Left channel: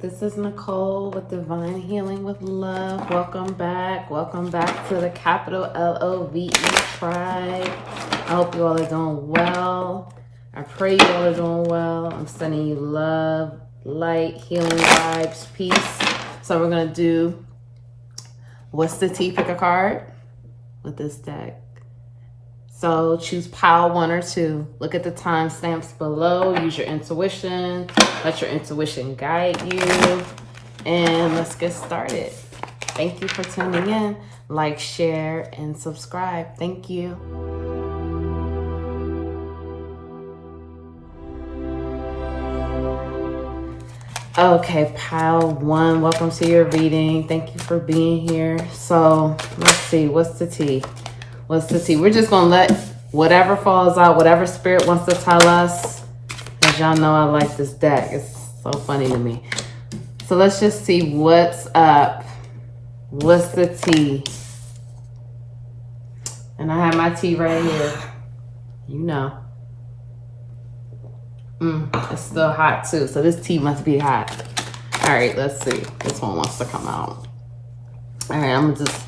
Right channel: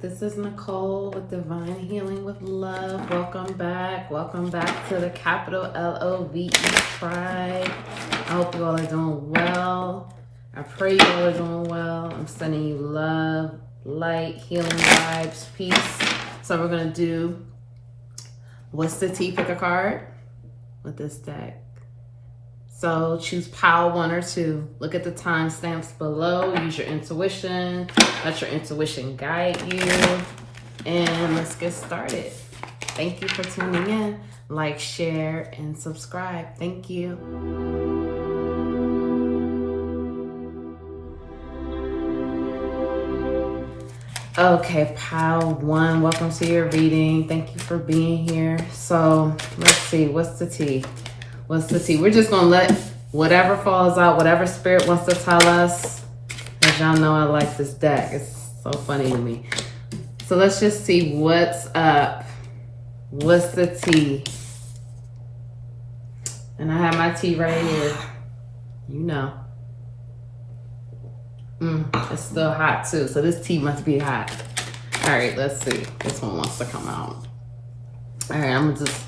This is Nicole with Divine Healing with Love. Welcome back. Welcome back to the capital LOVE tribe. I hope you all are doing well. I pray you all are doing well. I'm sending you love, light, healing vibes, peace. So we're going to do what's the tea? Pick a card with this deck. So choose pile 1 or 2. Look at the timestamps below. Use your intuition. Let your intuition guide you. And let's get started. Thank you for tuning in. Like, share, and subscribe. Thank you. Okay, pile 1. Welcome to your reading. Thank you for being here. So let's see. What's the tea? What's the tea? We're just going to let whatever falls out, whatever spirit wants to tell us. As y'all know, I like this deck. It's so funny to me. So let's just see what's up. What's the tea? And I have my tea right here. You know. It's still hot too. So this tea must be hot. All right, let's see. This one wants to come out. All right, I'm just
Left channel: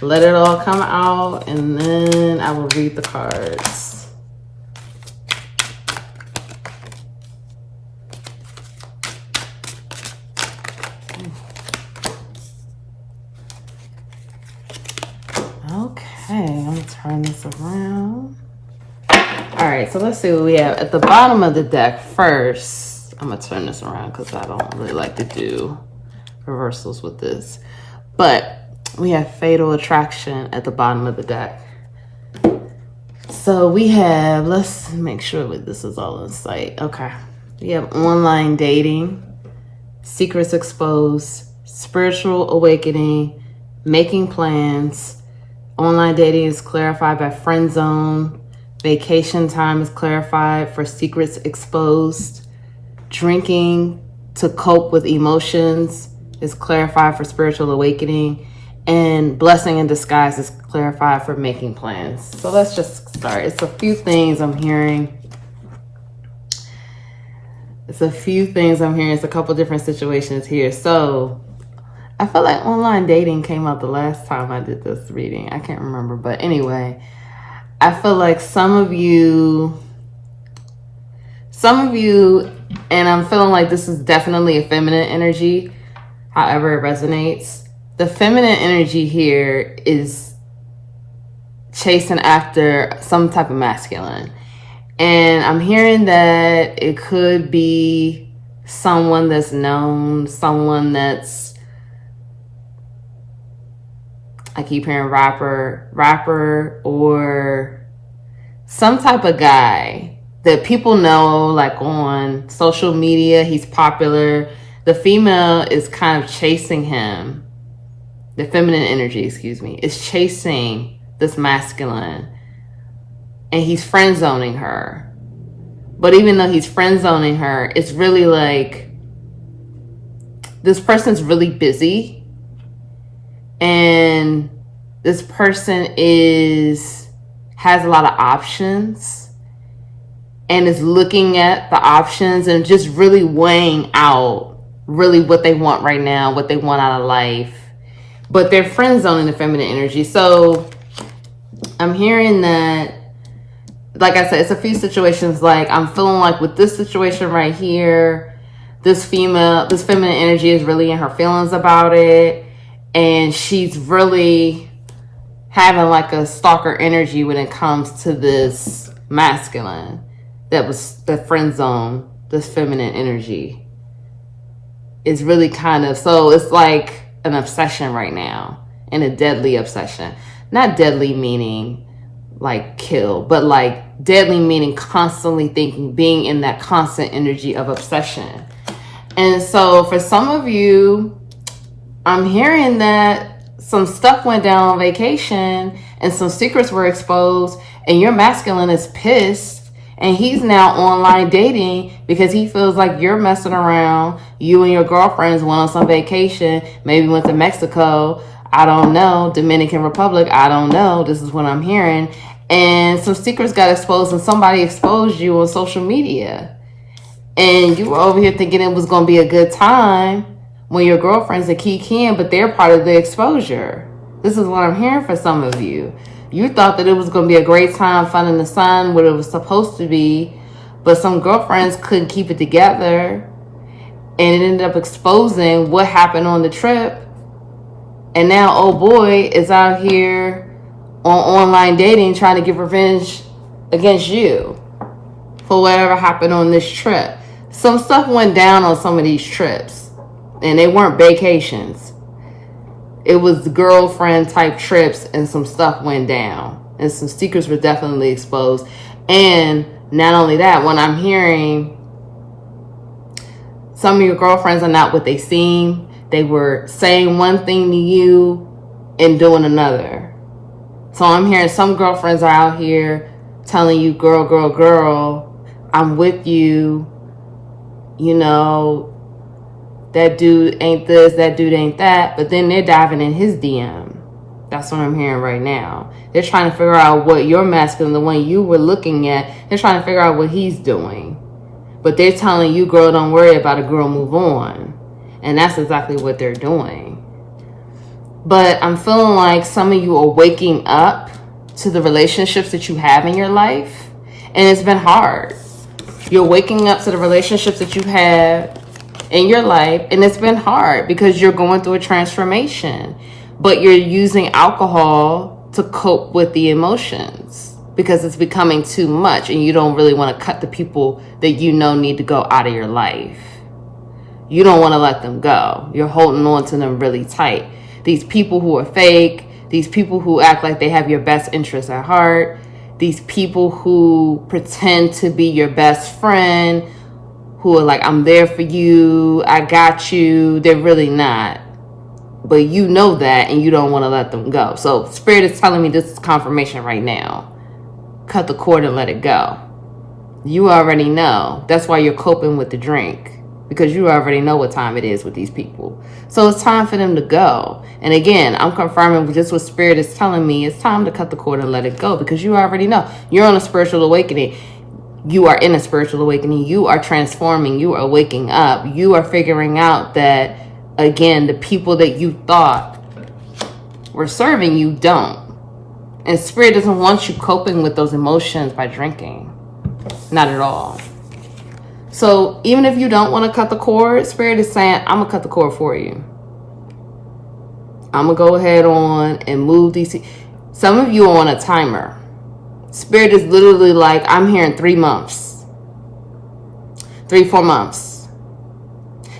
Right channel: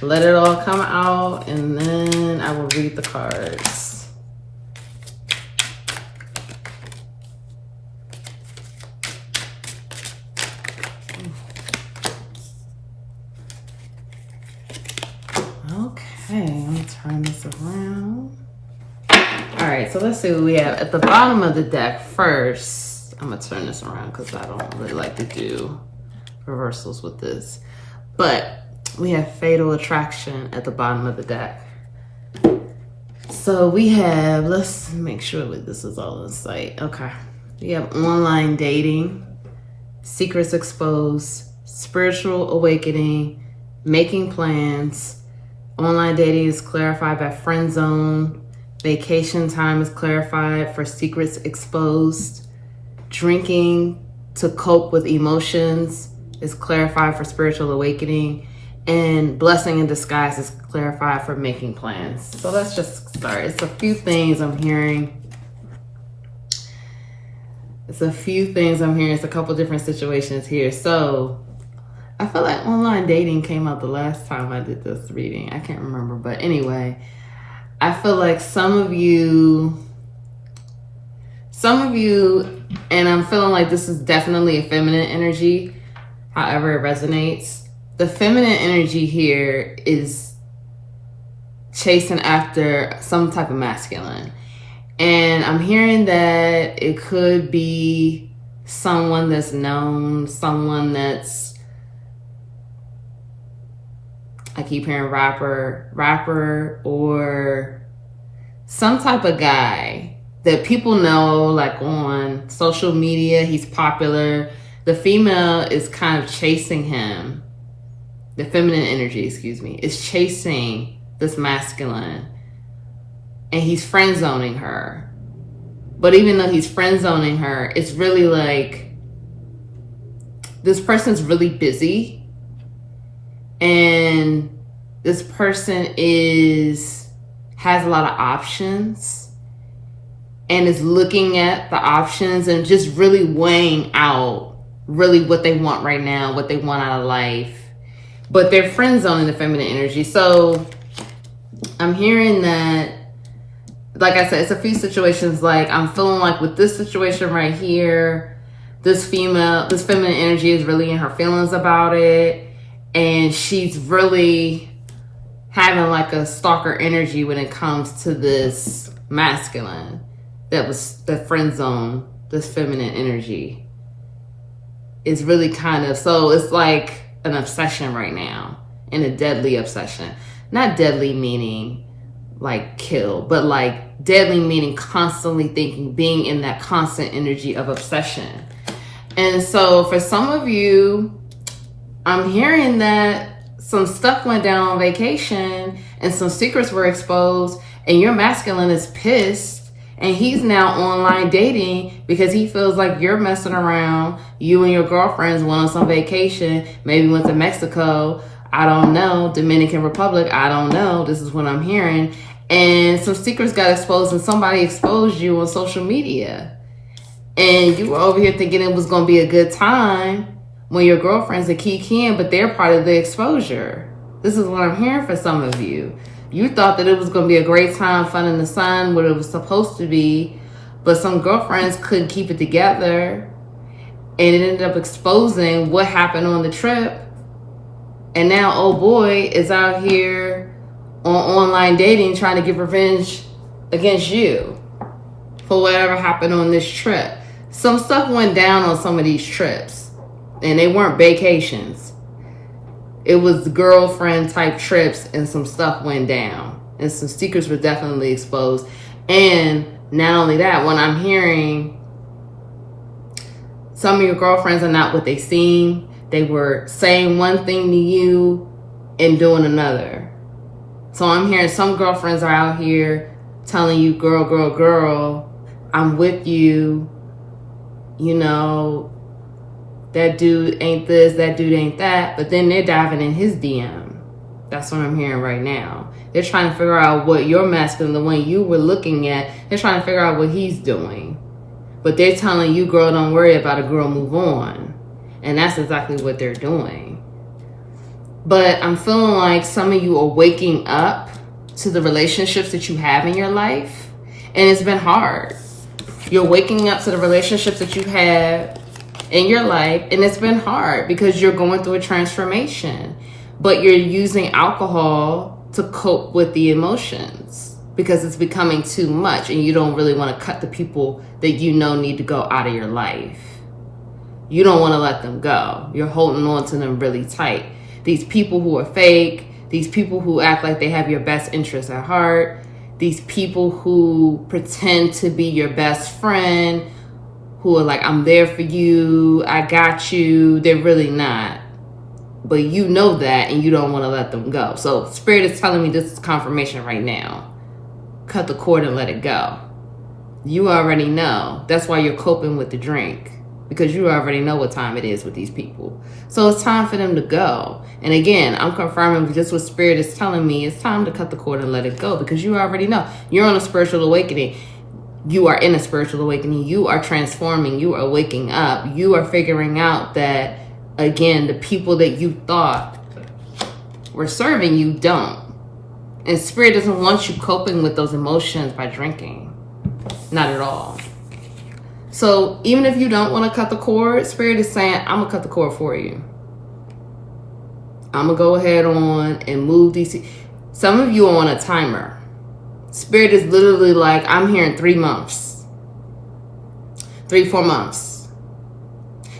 let it all come out, and then I will read the cards. Okay, let me turn this around. All right, so let's see what we have. At the bottom of the deck first, I'm going to turn this around because I don't really like to do reversals with this. But we have fatal attraction at the bottom of the deck. So we have, let's make sure that this is all in sight. Okay. We have online dating, secrets exposed, spiritual awakening, making plans. Online dating is clarified by friend zone. Vacation time is clarified for secrets exposed. Drinking to cope with emotions is clarified for spiritual awakening. And blessing in disguise is clarified for making plans. So let's just start. It's a few things I'm hearing. It's a couple different situations here. So I feel like online dating came up the last time I did this reading. I can't remember. But anyway, I feel like some of you, and I'm feeling like this is definitely a feminine energy, however it resonates. The feminine energy here is chasing after some type of masculine. And I'm hearing that it could be someone that's known, someone that's, I keep hearing rapper, or some type of guy that people know, like on social media, he's popular. The female is kind of chasing him. The feminine energy, is chasing this masculine, and he's friend zoning her. But even though he's friend zoning her, it's really like this person's really busy, and this person has a lot of options and is looking at the options and just really weighing out really what they want right now, what they want out of life. But they're friend zoning the feminine energy. So I'm hearing that, like I said, it's a few situations. Like I'm feeling like with this situation right here, this feminine energy is really in her feelings about it. And she's really having like a stalker energy when it comes to this masculine that was the friend zone, this feminine energy is really kind of, so it's like an obsession right now, and a deadly obsession. Not deadly meaning like kill, but like deadly meaning constantly thinking, being in that constant energy of obsession. And so for some of you, I'm hearing that some stuff went down on vacation and some secrets were exposed, and your masculine is pissed, and he's now online dating because he feels like you're messing around. You and your girlfriends went on some vacation, maybe went to Mexico, I don't know, Dominican Republic, I don't know. This is what I'm hearing. And some secrets got exposed, and somebody exposed you on social media. And you were over here thinking it was going to be a good time when your girlfriends are keying, but they're part of the exposure. This is what I'm hearing for some of you. You thought that it was going to be a great time, fun in the sun, what it was supposed to be, but some girlfriends couldn't keep it together, and it ended up exposing what happened on the trip. And now, oh boy, is out here on online dating trying to get revenge against you for whatever happened on this trip. Some stuff went down on some of these trips, and they weren't vacations. It was girlfriend type trips, and some stuff went down, and some secrets were definitely exposed. And not only that, when I'm hearing some of your girlfriends are not what they seem, they were saying one thing to you and doing another. So I'm hearing some girlfriends are out here telling you, girl, girl, girl, I'm with you, you know, that dude ain't this, that dude ain't that, but then they're diving in his DM. That's what I'm hearing right now. They're trying to figure out what your masculine, the one you were looking at, they're trying to figure out what he's doing. But they're telling you, girl, don't worry about it, girl, move on. And that's exactly what they're doing. But I'm feeling like some of you are waking up to the relationships that you have in your life, and it's been hard. You're waking up to the relationships that you have in your life, and it's been hard because you're going through a transformation, but you're using alcohol to cope with the emotions because it's becoming too much, and you don't really want to cut the people that you know need to go out of your life. You don't want to let them go. You're holding on to them really tight. These people who are fake, these people who act like they have your best interests at heart, these people who pretend to be your best friend, who are like, I'm there for you, I got you, they're really not. But you know that, and you don't want to let them go. So Spirit is telling me this is confirmation right now. Cut the cord and let it go. You already know. That's why you're coping with the drink, because you already know what time it is with these people. So it's time for them to go. And again, I'm confirming just what Spirit is telling me. It's time to cut the cord and let it go, because you already know. You're on a spiritual awakening. You are in a spiritual awakening. You are transforming. You are waking up. You are figuring out that, again, the people that you thought were serving you don't. And Spirit doesn't want you coping with those emotions by drinking. Not at all. So even if you don't want to cut the cord, Spirit is saying, I'm going to cut the cord for you. I'm going to go ahead on and move these. Some of you are on a timer. Spirit is literally like, I'm here in 3 months. 3-4 months.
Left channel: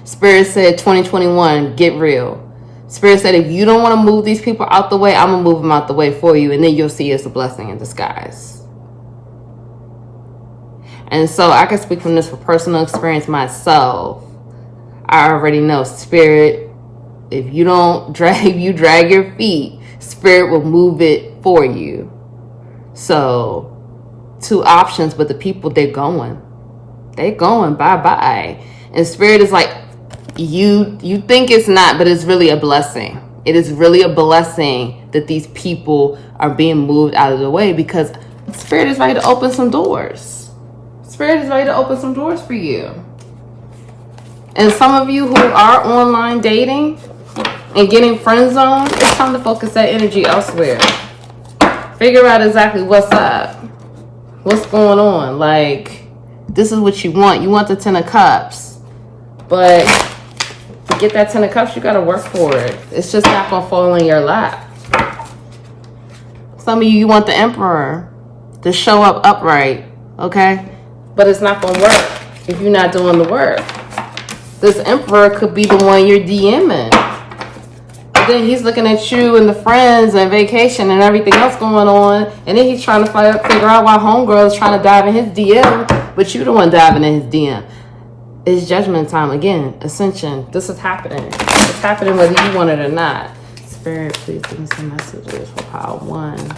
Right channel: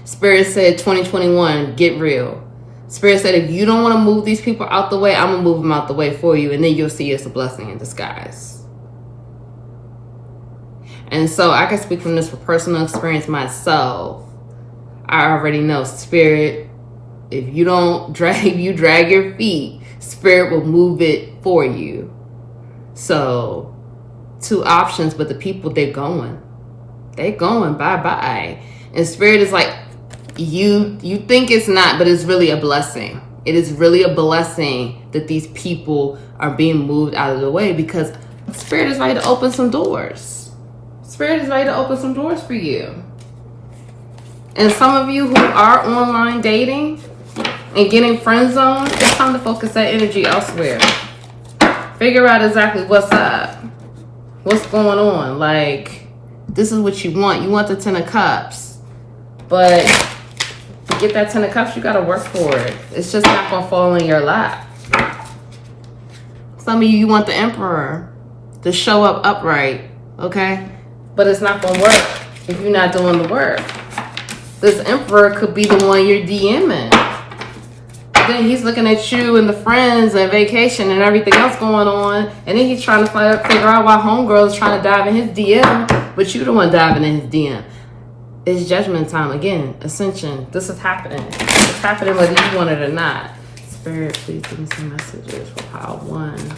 Spirit said 2021, get real. Spirit said, if you don't want to move these people out the way, I'm going to move them out the way for you. And then you'll see it's a blessing in disguise. And so I can speak from this for personal experience myself. I already know, Spirit, if you don't drag your feet, Spirit will move it for you. So 2 options, but the people, they're going, bye-bye. And Spirit is like, you think it's not, but it's really a blessing. It is really a blessing that these people are being moved out of the way, because Spirit is ready to open some doors. Spirit is ready to open some doors for you. And some of you who are online dating and getting friend zoned, it's time to focus that energy elsewhere. Figure out exactly what's up. What's going on? Like, this is what you want. You want the 10 of Cups. But to get that 10 of Cups, you got to work for it. It's just not going to fall in your lap. Some of you want the Emperor to show up upright, okay? But it's not going to work if you're not doing the work. This Emperor could be the one you're DMing. Then he's looking at you and the friends and vacation and everything else going on, and then he's trying to figure out why homegirl is trying to dive in his DM, but you the one diving in his DM. It's judgment time again. Ascension. This is happening. It's happening whether you want it or not. Spirit, please give me some messages for pile 1.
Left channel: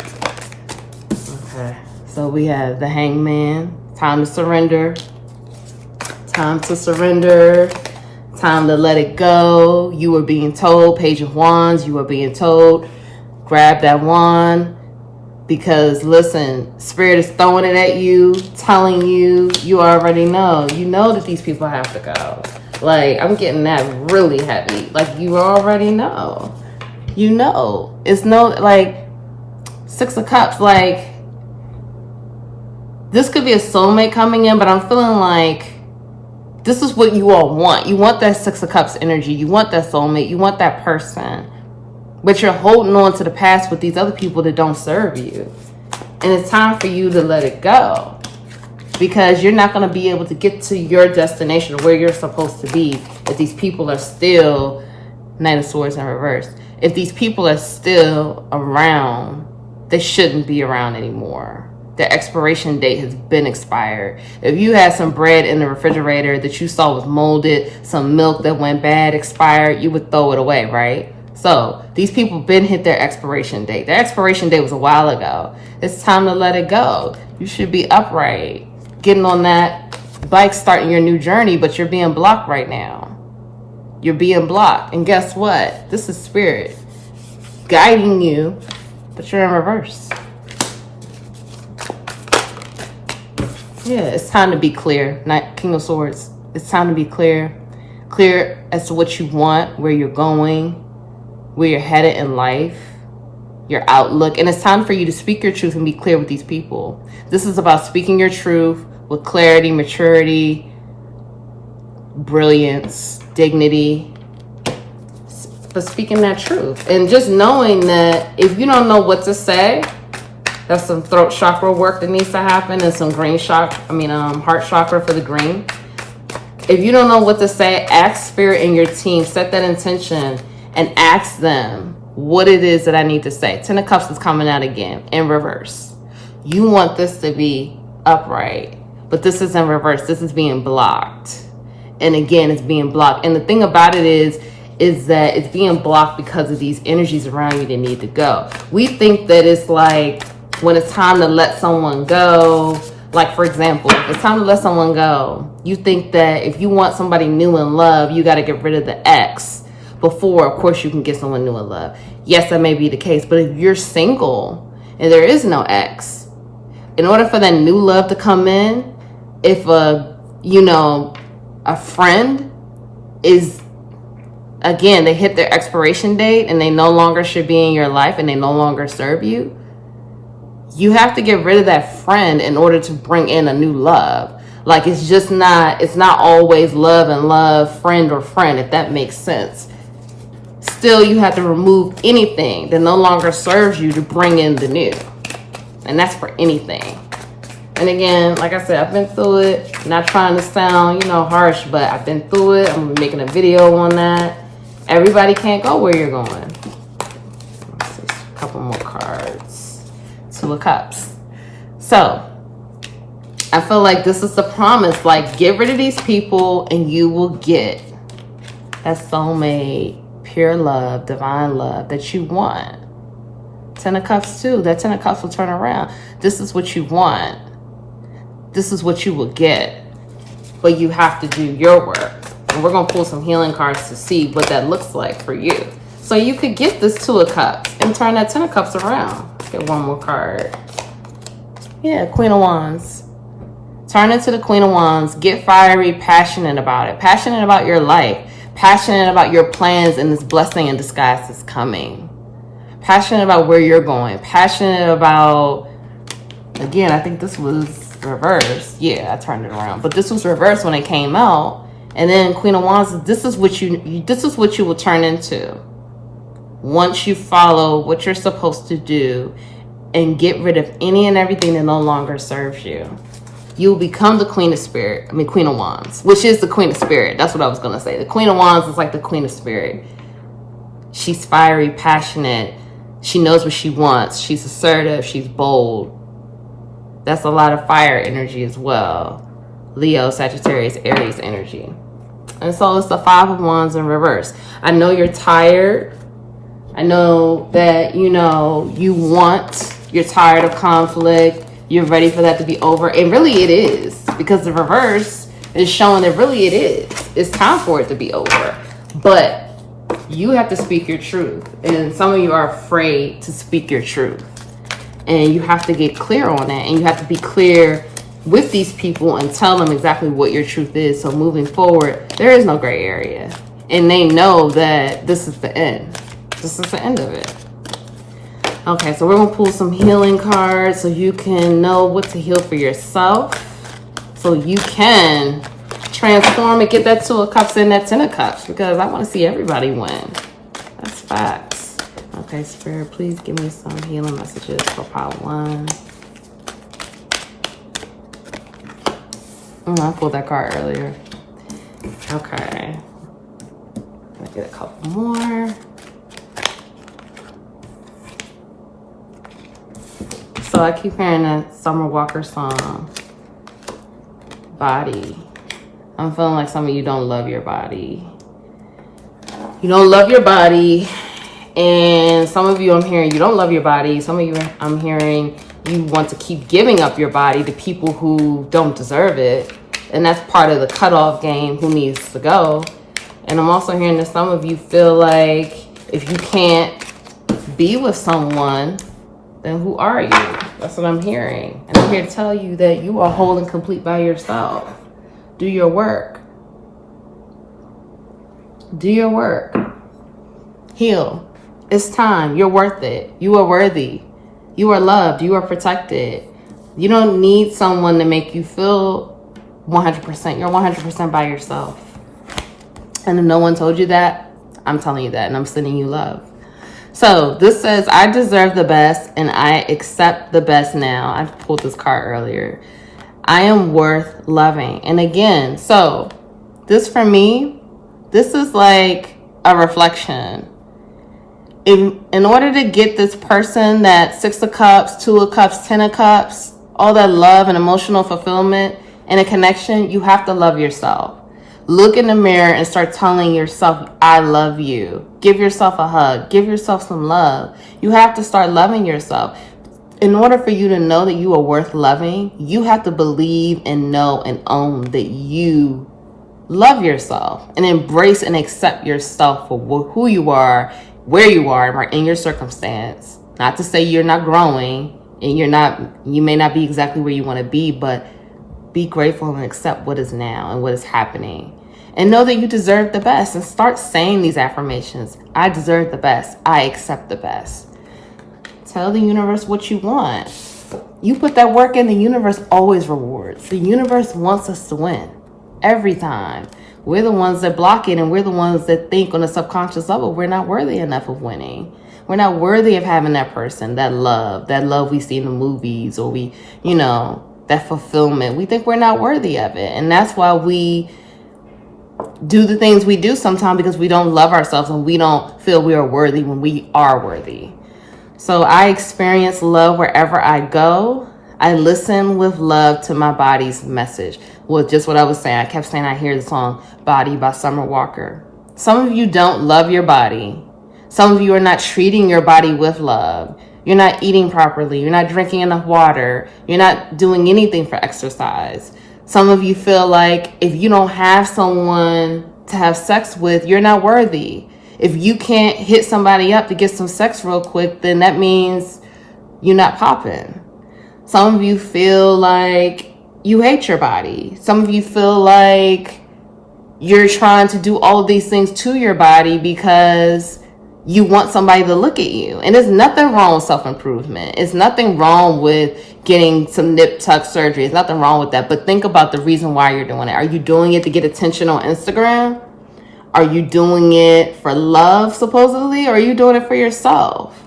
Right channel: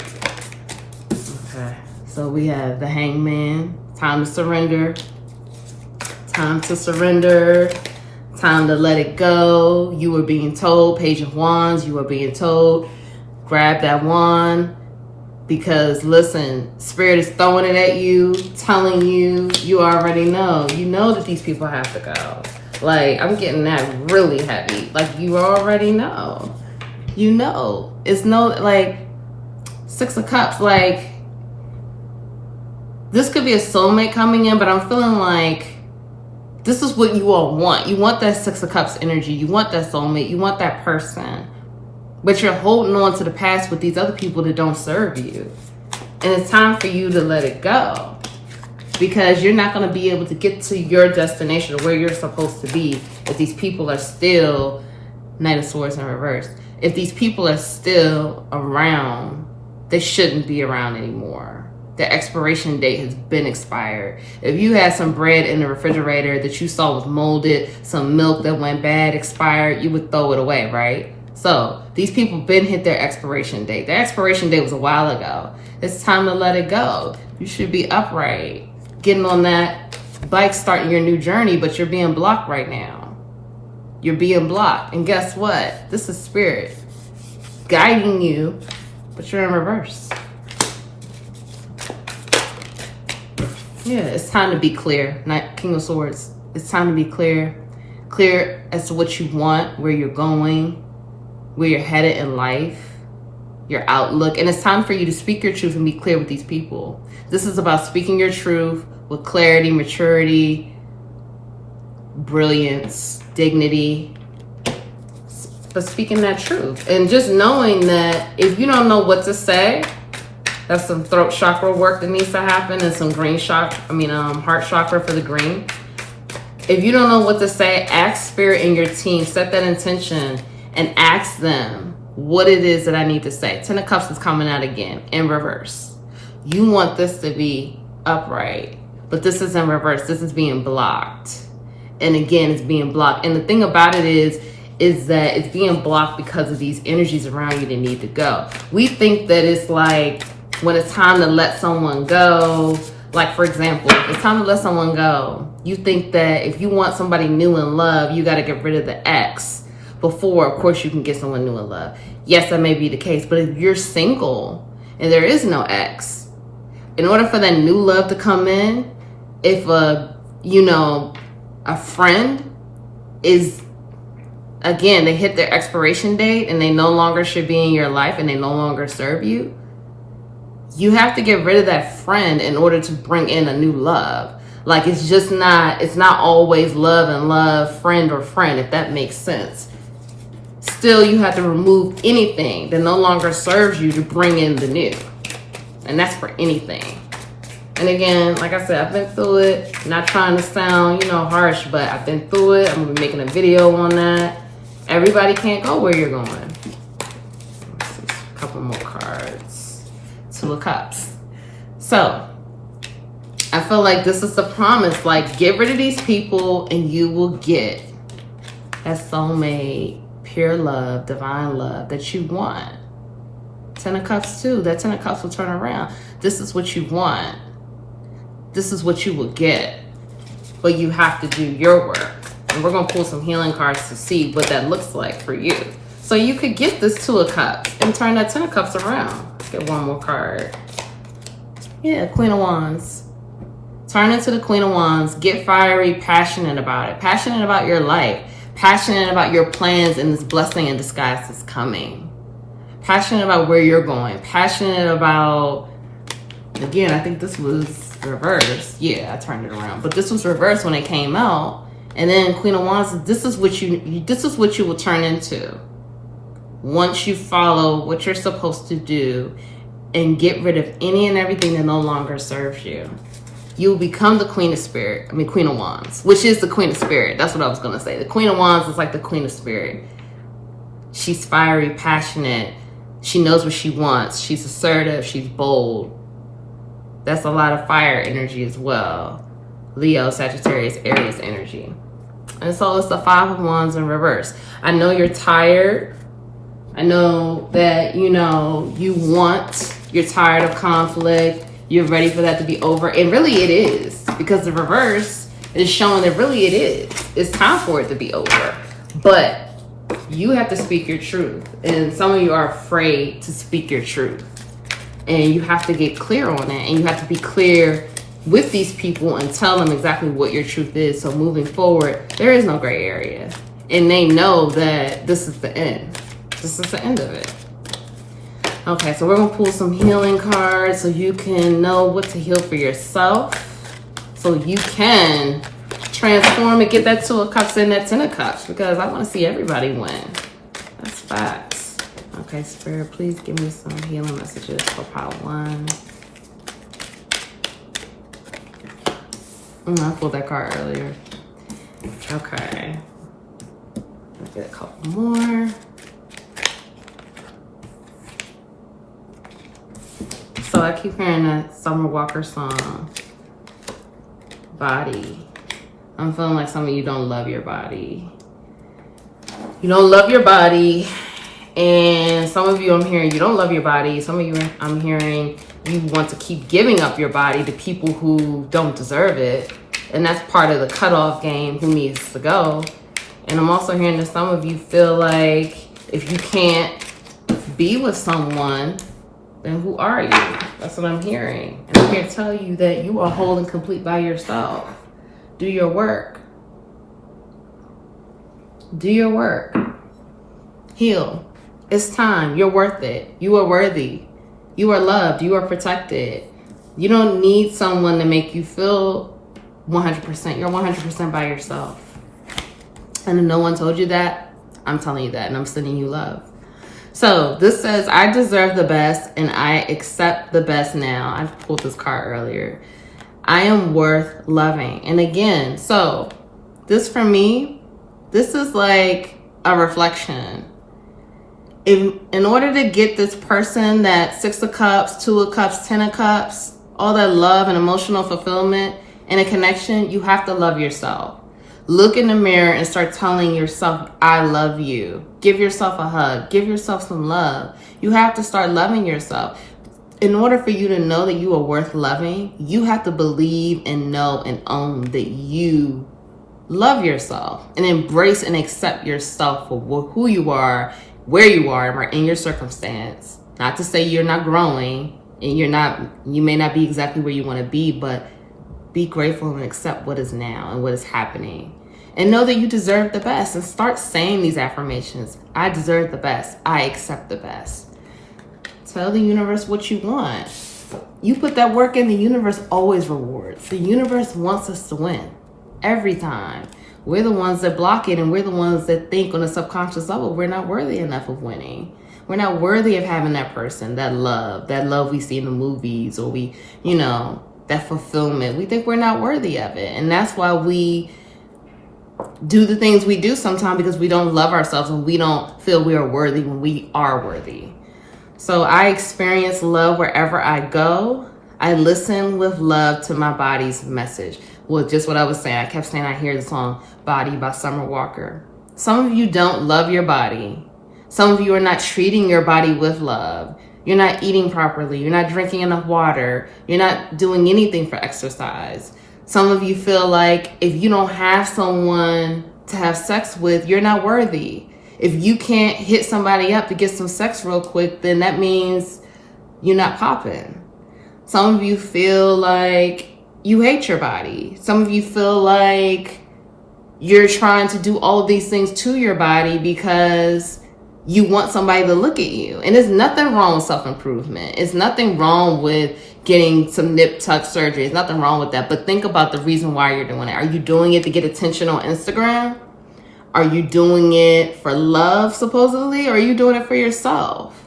Okay. So we have the Hangman. Time to surrender. Time to surrender. Time to let it go. You are being told. Page of Wands. You are being told. Grab that wand. Because listen, Spirit is throwing it at you, telling you, you already know. You know that these people have to go. Like, I'm getting that really heavy. Like, you already know. You know. It's no, like, Six of Cups, like, this could be a soulmate coming in, but I'm feeling like this is what you all want. You want that Six of Cups energy. You want that soulmate. You want that person. But you're holding on to the past with these other people that don't serve you. And it's time for you to let it go. Because you're not going to be able to get to your destination, where you're supposed to be, if these people are still, Knight of Swords in reverse, if these people are still around, they shouldn't be around anymore. Their expiration date has been expired. If you had some bread in the refrigerator that you saw was molded, some milk that went bad, expired, you would throw it away, right? So these people been hit their expiration date. Their expiration date was a while ago. It's time to let it go. You should be upright, getting on that bike, starting your new journey, but you're being blocked right now. You're being blocked. And guess what? This is Spirit guiding you, but you're in reverse. Yeah, it's time to be clear. King of Swords. It's time to be clear. Clear as to what you want, where you're going, where you're headed in life, your outlook. And it's time for you to speak your truth and be clear with these people. This is about speaking your truth with clarity, maturity, brilliance, dignity, but speaking that truth. And just knowing that if you don't know what to say, that's some throat chakra work that needs to happen, and some heart chakra for the green. If you don't know what to say, ask Spirit and your team, set that intention, and ask them what it is that I need to say. Ten of Cups is coming out again in reverse. You want this to be upright, but this is in reverse. This is being blocked. And again, it's being blocked. And the thing about it is that it's being blocked because of these energies around you that need to go. We think that it's like when it's time to let someone go, like for example, it's time to let someone go. You think that if you want somebody new in love, you got to get rid of the ex before, of course, you can get someone new in love. Yes, that may be the case, but if you're single and there is no ex, in order for that new love to come in, if a friend is, again, they hit their expiration date and they no longer should be in your life and they no longer serve you, you have to get rid of that friend in order to bring in a new love. Like, it's not always love and love, friend or friend, if that makes sense. Still, you have to remove anything that no longer serves you to bring in the new. And that's for anything. And again, like I said, I've been through it. Not trying to sound, harsh, but I've been through it. I'm going to be making a video on that. Everybody can't go where you're going. Let's see, a couple more cards. Two of Cups. So, I feel like this is the promise. Like, get rid of these people and you will get that soulmate, pure love, divine love that you want. Ten of Cups too. That Ten of Cups will turn around. This is what you want. This is what you will get. But you have to do your work. And we're going to pull some healing cards to see what that looks like for you. So you could get this Two of Cups and turn that Ten of Cups around. Get one more card. Yeah, Queen of Wands. Turn into the Queen of Wands. Get fiery, passionate about it. Passionate about your life. Passionate about your plans and this blessing in disguise that's coming. Passionate about where you're going. Passionate about, again, I think this was reversed. Yeah, I turned it around. But this was reversed when it came out. And then Queen of Wands, this is what you will turn into. Once you follow what you're supposed to do and get rid of any and everything that no longer serves you. You'll become the Queen of Wands, which is the Queen of Spirit. That's what I was going to say. The Queen of Wands is like the Queen of Spirit. She's fiery, passionate. She knows what she wants. She's assertive. She's bold. That's a lot of fire energy as well. Leo, Sagittarius, Aries energy. And so it's the Five of Wands in reverse. I know you're tired. I know that, you're tired of conflict. You're ready for that to be over. And really it is. Because the reverse is showing that really it is. It's time for it to be over. But you have to speak your truth. And some of you are afraid to speak your truth. And you have to get clear on it, and you have to be clear with these people and tell them exactly what your truth is. So moving forward, there is no gray area. And they know that this is the end. This is the end of it. Okay, so we're going to pull some healing cards so you can know what to heal for yourself. So you can transform and get that 2 of Cups and that 10 of Cups, because I want to see everybody win. That's facts. Okay, Spirit, please give me some healing messages for pile 1. I pulled that card earlier. Okay. Let me get a couple more. So I keep hearing that Summer Walker song, Body. I'm feeling like some of you don't love your body. You don't love your body. And some of you, I'm hearing you don't love your body. Some of you, I'm hearing you want to keep giving up your body to people who don't deserve it. And that's part of the cutoff game, who needs to go. And I'm also hearing that some of you feel like if you can't be with someone, then who are you? That's what I'm hearing. And I'm here to tell you that you are whole and complete by yourself. Do your work. Do your work. Heal. It's time. You're worth it. You are worthy. You are loved. You are protected. You don't need someone to make you feel 100%. You're 100% by yourself. And if no one told you that, I'm telling you that, and I'm sending you love. So this says, I deserve the best and I accept the best now. I pulled this card earlier. I am worth loving. And again, so this for me, this is like a reflection. In order to get this person that 6 of Cups, 2 of Cups, 10 of Cups, all that love and emotional fulfillment and a connection, you have to love yourself. Look in the mirror and start telling yourself, I love you. Give yourself a hug. Give yourself some love. You have to start loving yourself. In order for you to know that you are worth loving, you have to believe and know and own that you love yourself and embrace and accept yourself for who you are, where you are in your circumstance. Not to say you're not growing and you may not be exactly where you want to be, but be grateful and accept what is now and what is happening. And know that you deserve the best, and start saying these affirmations. I deserve the best. I accept the best. Tell the universe what you want. You put that work in, the universe always rewards. The universe wants us to win every time. We're the ones that block it, and we're the ones that think on a subconscious level we're not worthy enough of winning. We're not worthy of having that person, that love we see in the movies, or that fulfillment. We think we're not worthy of it. And that's why we do the things we do sometimes, because we don't love ourselves and we don't feel we are worthy when we are worthy. So I experience love wherever I go. I listen with love to my body's message. Well, just what I was saying. I kept saying I hear the song Body by Summer Walker. Some of you don't love your body. Some of you are not treating your body with love. You're not eating properly. You're not drinking enough water. You're not doing anything for exercise. Some of you feel like if you don't have someone to have sex with, you're not worthy. If you can't hit somebody up to get some sex real quick, then that means you're not popping. Some of you feel like you hate your body. Some of you feel like you're trying to do all of these things to your body because you want somebody to look at you. And there's nothing wrong with self-improvement. It's nothing wrong with getting some nip tuck surgery. There's nothing wrong with that. But think about the reason why you're doing it. Are you doing it to get attention on Instagram? Are you doing it for love, supposedly? Or are you doing it for yourself?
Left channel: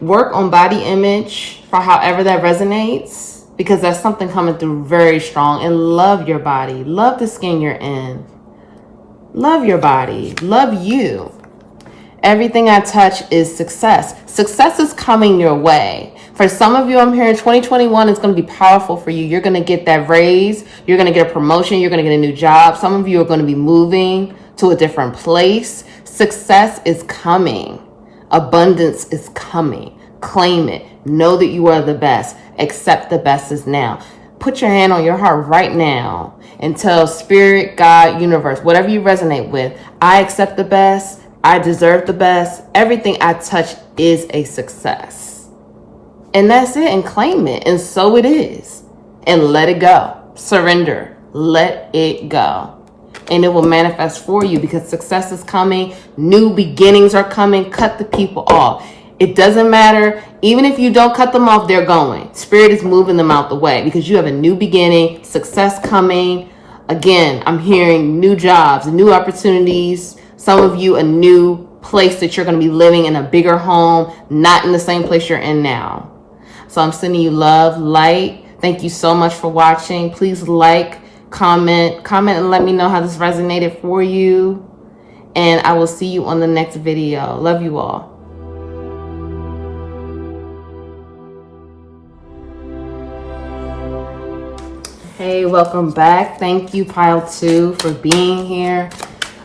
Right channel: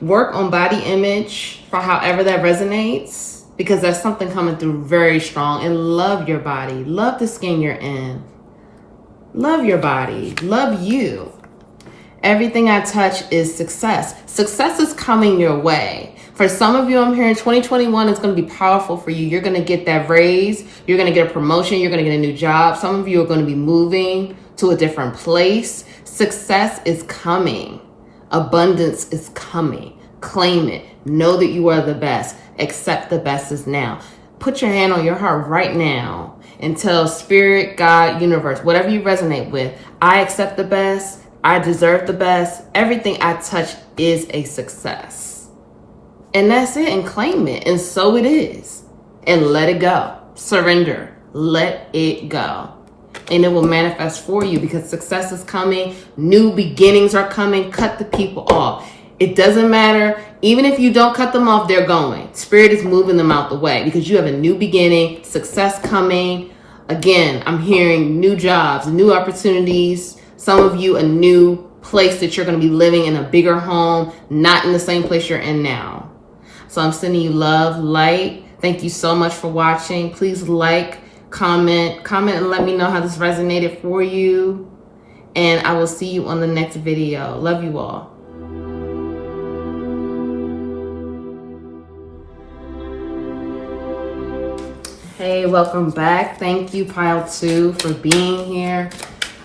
Work on body image for however that resonates, because that's something coming through very strong. And love your body. Love the skin you're in. Love your body. Love you. Everything I touch is success. Success is coming your way. For some of you, I'm hearing 2021 is going to be powerful for you. You're going to get that raise. You're going to get a promotion. You're going to get a new job. Some of you are going to be moving to a different place. Success is coming. Abundance is coming. Claim it. Know that you are the best. Accept the best is now. Put your hand on your heart right now and tell Spirit, God, universe, whatever you resonate with, I accept the best. I deserve the best. Everything I touch is a success. And that's it, and claim it. And so it is. And let it go. Surrender. Let it go. And it will manifest for you, because success is coming. New beginnings are coming. Cut the people off. It doesn't matter. Even if you don't cut them off, they're going. Spirit is moving them out the way, because you have a new beginning, success coming. Again, I'm hearing new jobs, new opportunities. Some of you, a new place that you're going to be living in, a bigger home, not in the same place you're in now. So I'm sending you love, light. Thank you so much for watching. Please like, comment, and let me know how this resonated for you. And I will see you on the next video. Love you all. Hey, welcome back. Thank you, Pile 2, for being here.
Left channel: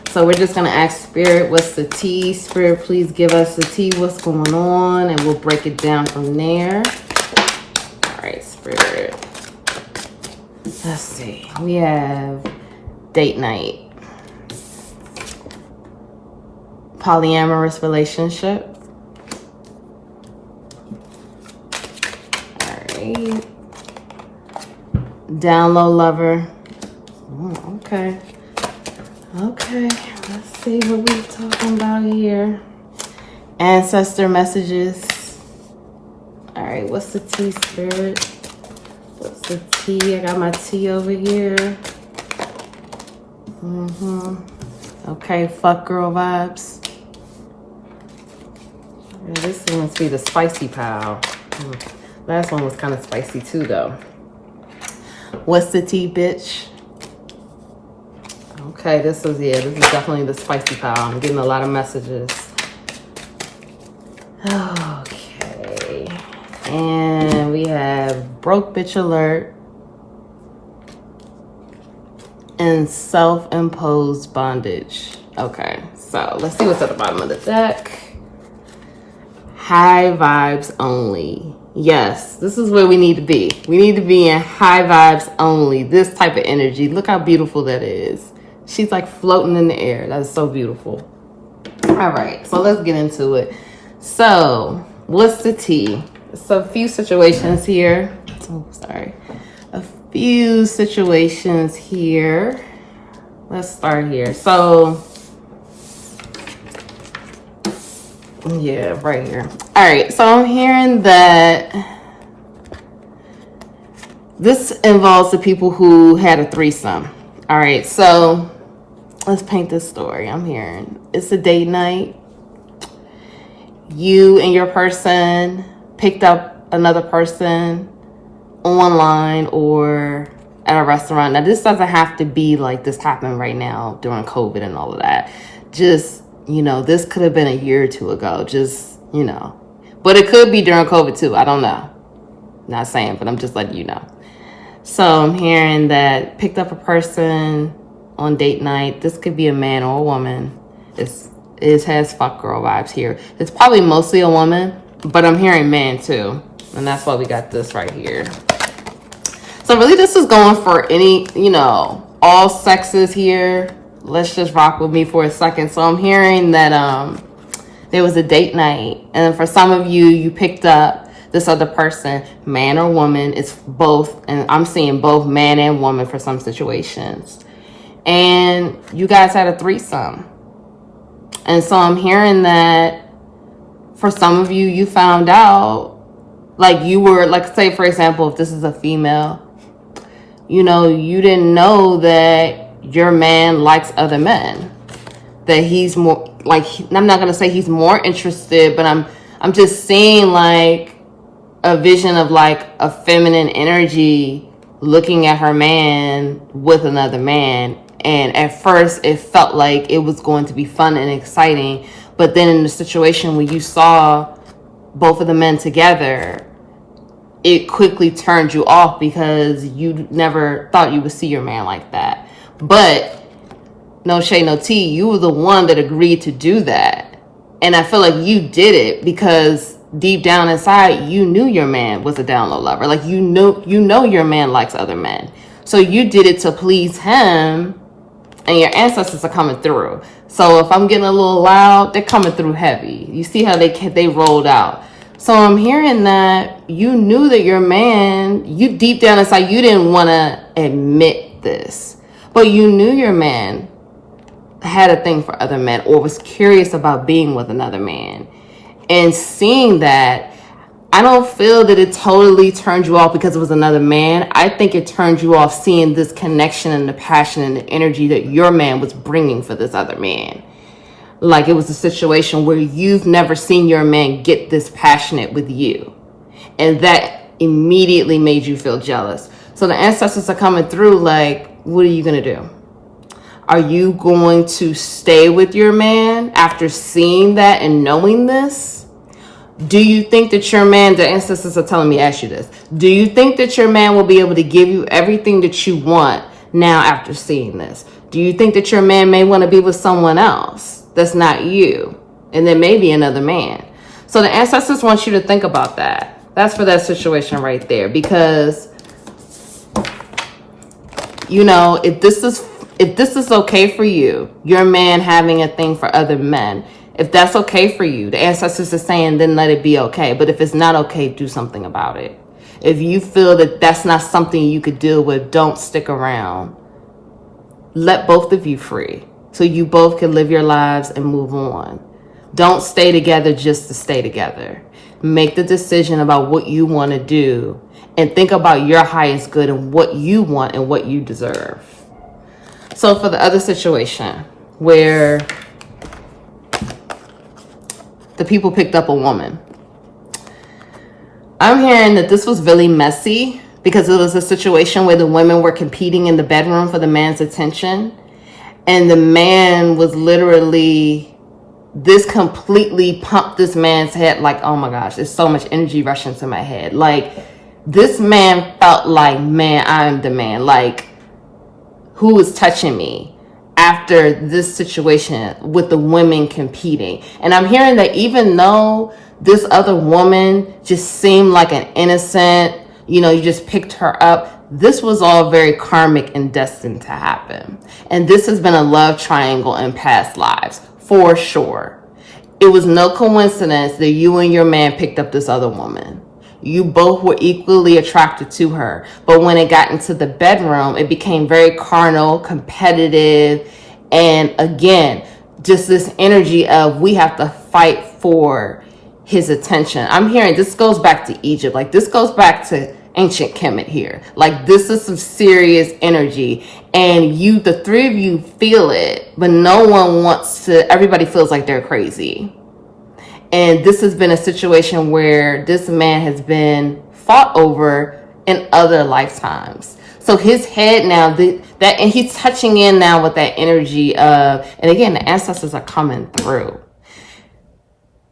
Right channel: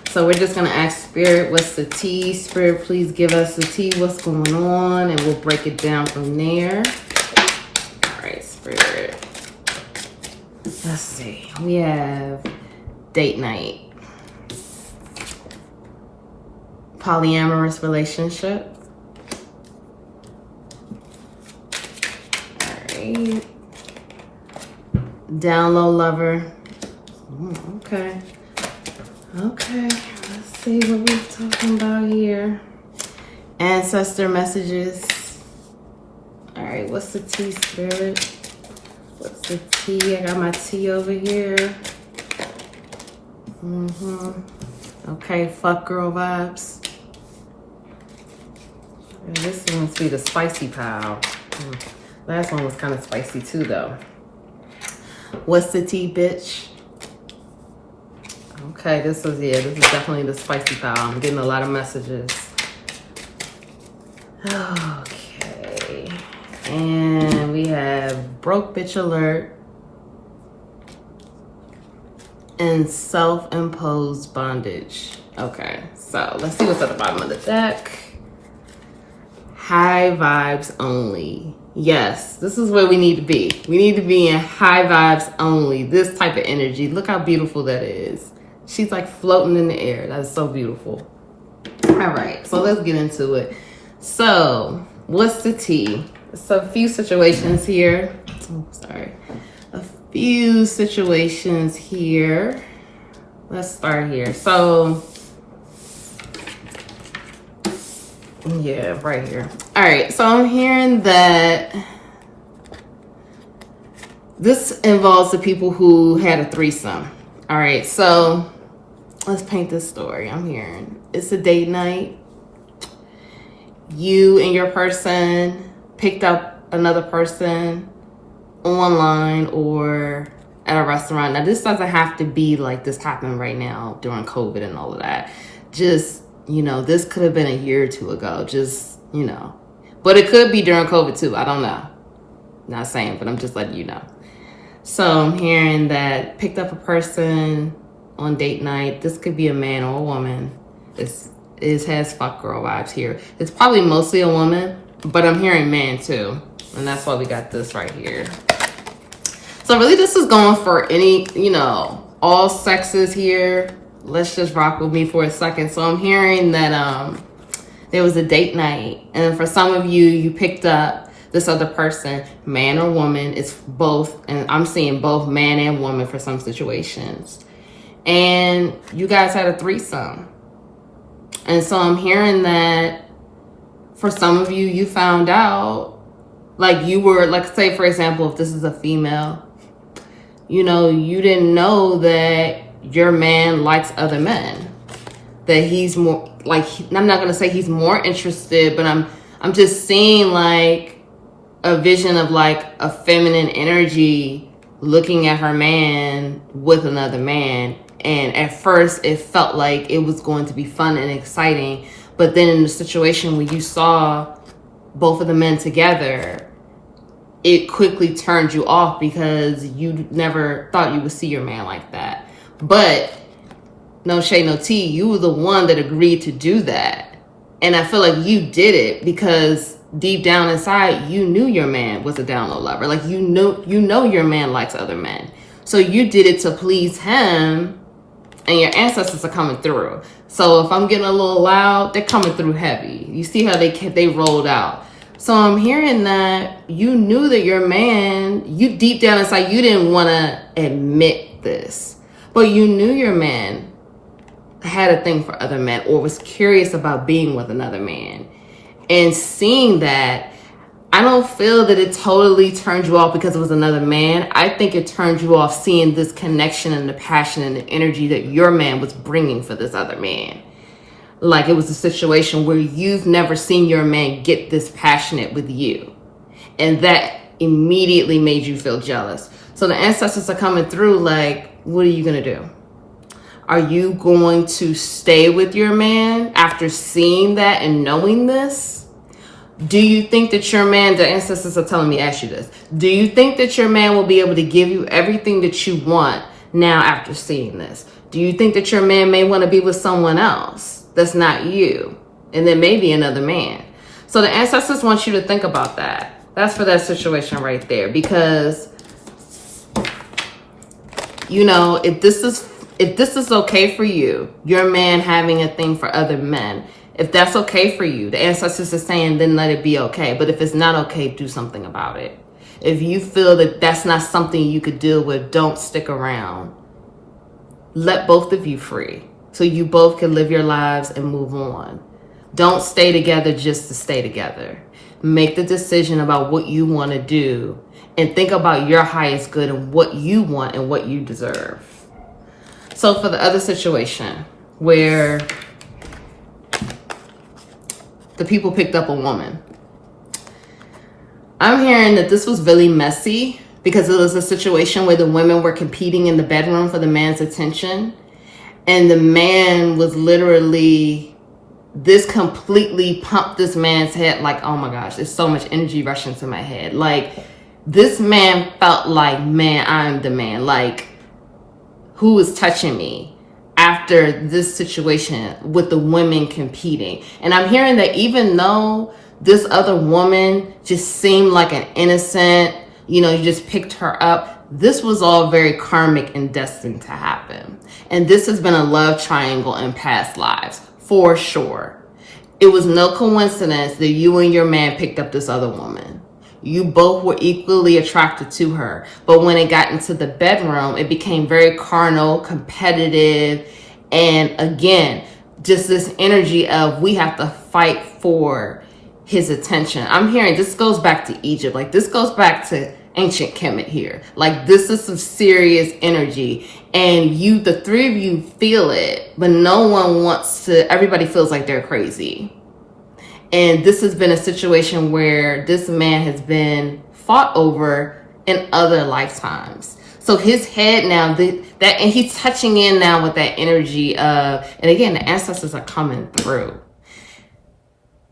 So we're just going to ask Spirit, what's the tea? Spirit, please give us the tea. What's going on? And we'll break it down from there. All right, Spirit. Let's see. We have date night. Polyamorous relationship. All right. Down low lover. Oh, okay. Okay. Let's see what we're talking about here. Ancestor messages. All right. What's the tea, Spirit? What's the tea? I got my tea over here. Okay. Fuck girl vibes. This must be the spicy pile. Last one was kind of spicy too, though. What's the tea, bitch? Okay, this is definitely the spicy pile. I'm getting a lot of messages. Okay. And we have broke bitch alert and self-imposed bondage. Okay, so let's see what's at the bottom of the deck. High vibes only. Yes, this is where we need to be. We need to be in high vibes only. This type of energy. Look how beautiful that is. She's like floating in the air. That's so beautiful. All right, so let's get into it. So, what's the tea? So, a few situations here. Oh, sorry. A few situations here. Let's start here. So, yeah, right here. All right, so I'm hearing that this involves the people who had a threesome. All right, so let's paint this story. I'm hearing it's a date night. You and your person picked up another person online or at a restaurant. Now, this doesn't have to be like this happened right now during COVID and all of that. Just, you know, this could have been a year or two ago. Just, you know. But it could be during COVID too. I don't know. Not saying, but I'm just letting you know. So I'm hearing that picked up a person on date night. This could be a man or a woman. It has fuck girl vibes here. It's probably mostly a woman, but I'm hearing man too. And that's why we got this right here. So really this is going for any, you know, all sexes here. Let's just rock with me for a second. So I'm hearing that there was a date night. And for some of you, you picked up this other person, man or woman. It's both. And I'm seeing both man and woman for some situations. And you guys had a threesome. And so I'm hearing that for some of you, you found out, like you were, like say for example, if this is a female, you know, you didn't know that your man likes other men, that he's more like, I'm not going to say he's more interested, but I'm just seeing like a vision of like a feminine energy looking at her man with another man. And at first it felt like it was going to be fun and exciting. But then in the situation when you saw both of the men together, it quickly turned you off because you never thought you would see your man like that. But no shade, no tea, you were the one that agreed to do that. And I feel like you did it because deep down inside, you knew your man was a down low lover. Like you know your man likes other men. So you did it to please him, and your ancestors are coming through. So if I'm getting a little loud, they're coming through heavy. You see how they rolled out. So I'm hearing that you knew that your man, you deep down inside, you didn't want to admit this, but you knew your man had a thing for other men or was curious about being with another man. And seeing that, I don't feel that it totally turned you off because it was another man. I think it turned you off seeing this connection and the passion and the energy that your man was bringing for this other man. Like it was a situation where you've never seen your man get this passionate with you. And that immediately made you feel jealous. So the ancestors are coming through like, what are you going to do? Are you going to stay with your man after seeing that and knowing this? Do you think that your man, the ancestors are telling me, ask you this. Do you think that your man will be able to give you everything that you want now after seeing this? Do you think that your man may want to be with someone else that's not you? And then maybe another man. So the ancestors want you to think about that. That's for that situation right there. Because, you know, if this is okay for you, your man having a thing for other men, if that's okay for you, the ancestors are saying, then let it be okay. But if it's not okay, do something about it. If you feel that that's not something you could deal with, don't stick around. Let both of you free so you both can live your lives and move on. Don't stay together just to stay together. Make the decision about what you want to do and think about your highest good and what you want and what you deserve. So for the other situation where the people picked up a woman, I'm hearing that this was really messy because it was a situation where the women were competing in the bedroom for the man's attention. And the man was literally, this completely pumped this man's head like, oh my gosh, there's so much energy rushing to my head. Like, this man felt like, man, I'm the man. Like, who was touching me after this situation with the women competing? And I'm hearing that even though this other woman just seemed like an innocent, you know, you just picked her up, this was all very karmic and destined to happen. And this has been a love triangle in past lives, for sure. It was no coincidence that you and your man picked up this other woman. You both were equally attracted to her. But when it got into the bedroom, it became very carnal, competitive, and again, just this energy of we have to fight for his attention. I'm hearing this goes back to Egypt. Like, this goes back to ancient Kemet here. Like, this is some serious energy. And you, the three of you feel it, but no one wants to, everybody feels like they're crazy. And this has been a situation where this man has been fought over in other lifetimes. So his head now, and he's touching in now with that energy of, and again, the ancestors are coming through.